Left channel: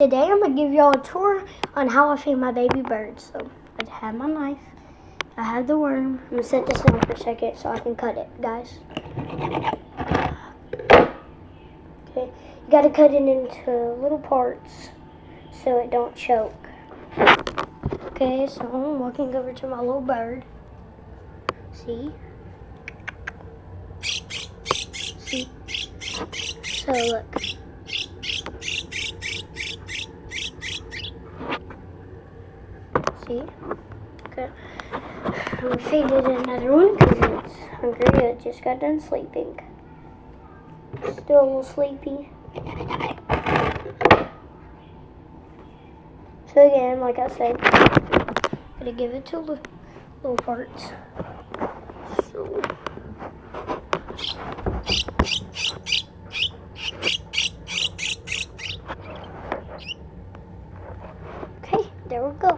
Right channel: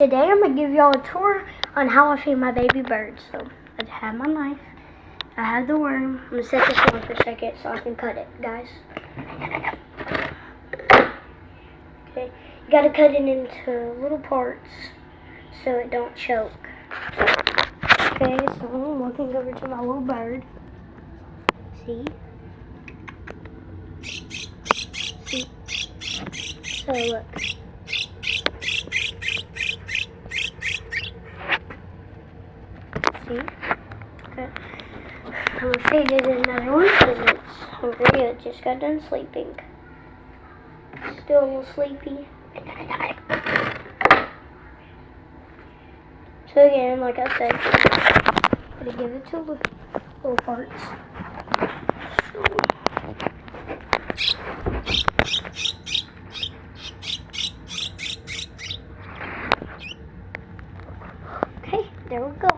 Today I'm going to give y'all a tour on how I feed my baby birds. So I have my knife, I have the worm. I'm going to set this on for a second so I can cut it, guys. Okay, you got to cut it into little parts so it don't choke. Okay, so I'm walking over to my little bird. See? So look. See? Okay. I'm going to feed it another one because it's hungry. It just got done sleeping. Still a little sleepy. So again, like I said, I'm going to give it to little parts. Okay, there we go.